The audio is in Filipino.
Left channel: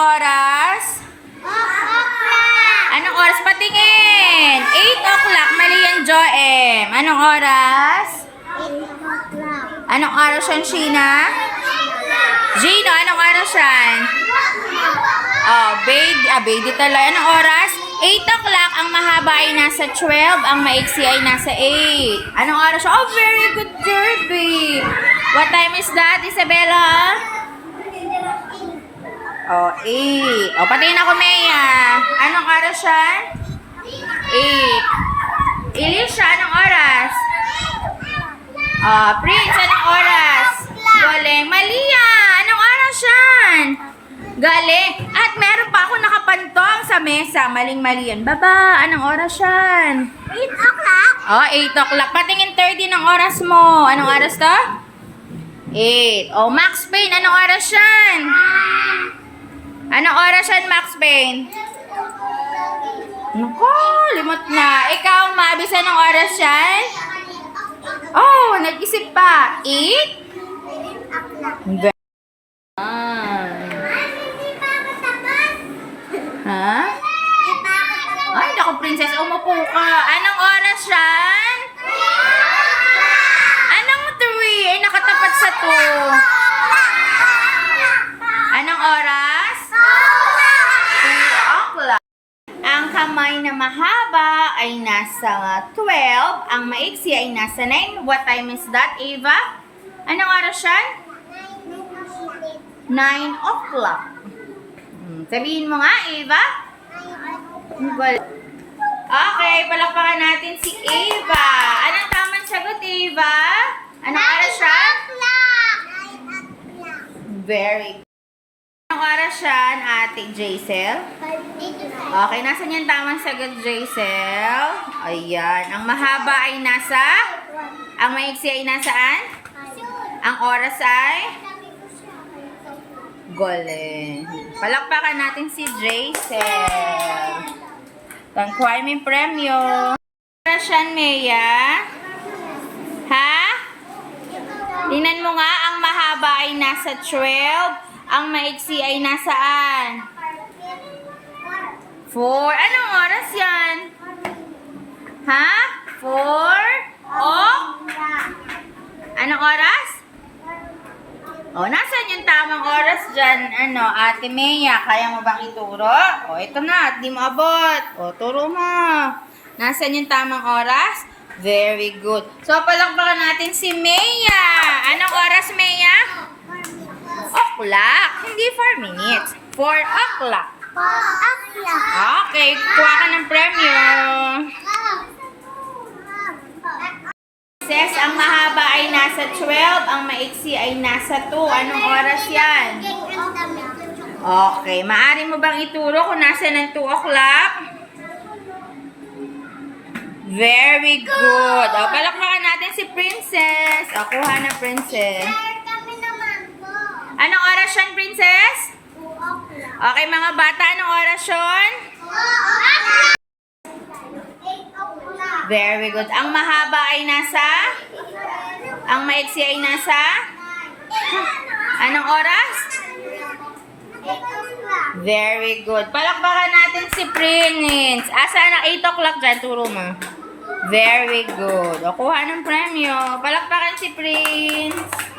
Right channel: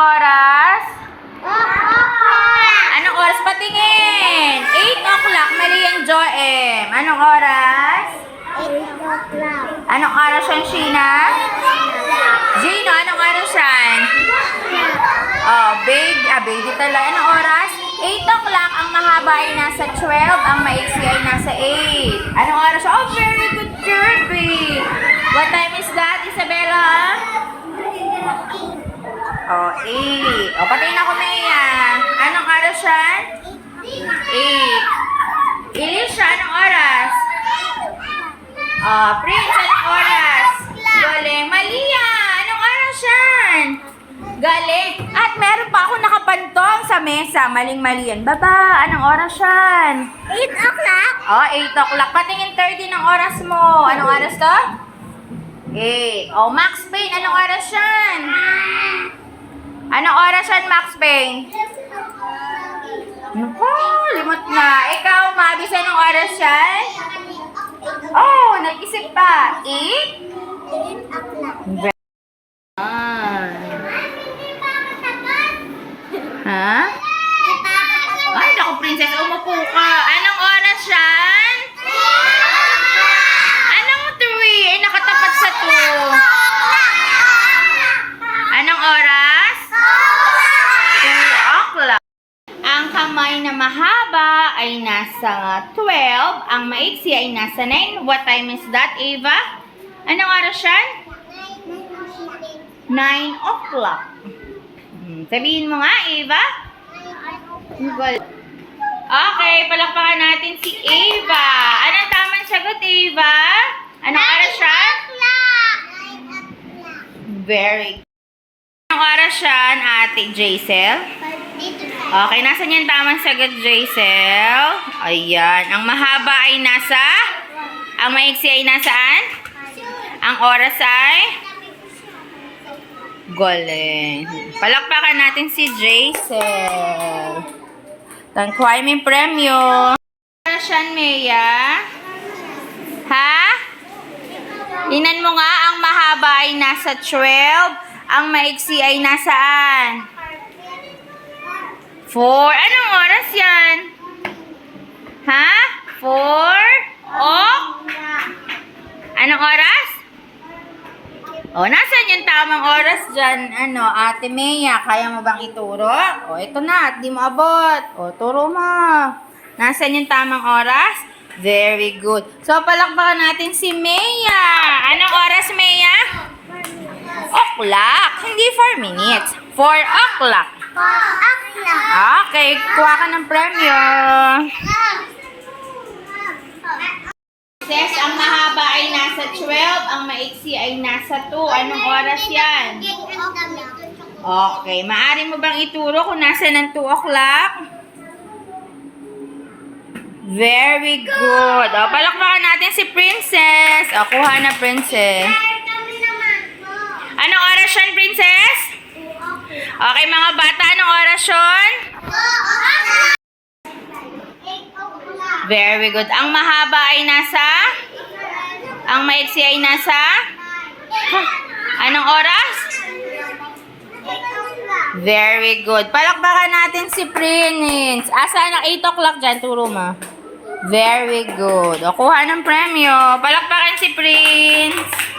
oras? Anong oras? Patingin. 8 o'clock. Mali yan, Joem. Anong oras? 8 o'clock. Anong oras yan, Sheena? Gino, anong oras yan? Oh, baby talaga. Anong oras? 8 o'clock. Ang mahaba ay nasa 12. Ang maiksi ay nasa 8. Anong oras? Oh, very good, Kirby. What time is that, Isabella? Oh, 8. Oh, patingin ako, Maya. Anong oras yan? 8. Elisha, anong oras? Prince, anong oras? Galing. Malia, anong oras yan? Galing. At meron pa ako nakapantong sa mesa. Maling-mali yan. Baba, anong oras yan? 8 o'clock. Oh, 8 o'clock. Patingin 30 ng oras mo. Anong oras to? 8. Oh, Max Payne, anong oras yan? Anong oras yan, Max Payne? Naku, limot na. Ikaw, Mabis, anong oras yan? Oh, nag-isip pa. 8? 8 o'clock. Ha? Ay, naku, princess, umupo ka. Anong oras yan? Anong 3? Ay, nakatapat sa 2. Anong oras? 2 o'clock. Ang kamay na mahaba ay nasa 12. Ang maiksi ay nasa 9. What time is that, Ava? Anong oras yan? 9 o'clock. Sabihin mo nga, Ava. Okay, palakpakan natin si Ava. Anong tamang sagot, Ava? Anong oras siya? Very good. Anong oras siya, Ate Jaisel? Okay, nasan yung tamang sagot, Jaisel? Ayan. Ang mahaba ay nasa? Ang maiksi ay nasaan? Ang oras ay? Galing. Palakpakan natin si Jaisel. Tangkuhay may premyo. Oras yan, Mea? Ha? Tingnan mo nga, ang mahaba ay nasa 12. Ang maiksi ay nasaan? 4. Anong oras yan? Ha? 4? Anong oras? Nasaan yung tamang oras dyan? Ate Mea, kaya mo bang ituro? Ito na, at di mo abot. Turo mo. Nasaan yung tamang oras? Very good. So, palakpakan natin si Mea. Anong oras, Mea? O'clock. Hindi 4 minutes. 4 o'clock. 4 o'clock. Okay, kuha ka ng premyo. Says, ang mahaba ay nasa 12, ang maiksi ay nasa 2. Anong oras yan? Okay, maaari mo bang ituro kung nasa ng 2 o'clock? Very good. Palakpakan natin si Princess. Kuha na, Princess. Anong oras yun, Princess? Okay, mga bata, anong oras yun? Very good. Ang mahaba ay nasa? Ang maiksi ay nasa? Anong oras? Very good. Palakpakan natin si Prince. Saan ang 8 o'clock dyan? Turo mo. Very good. Kuha ng premyo. Palakpakan si Prince.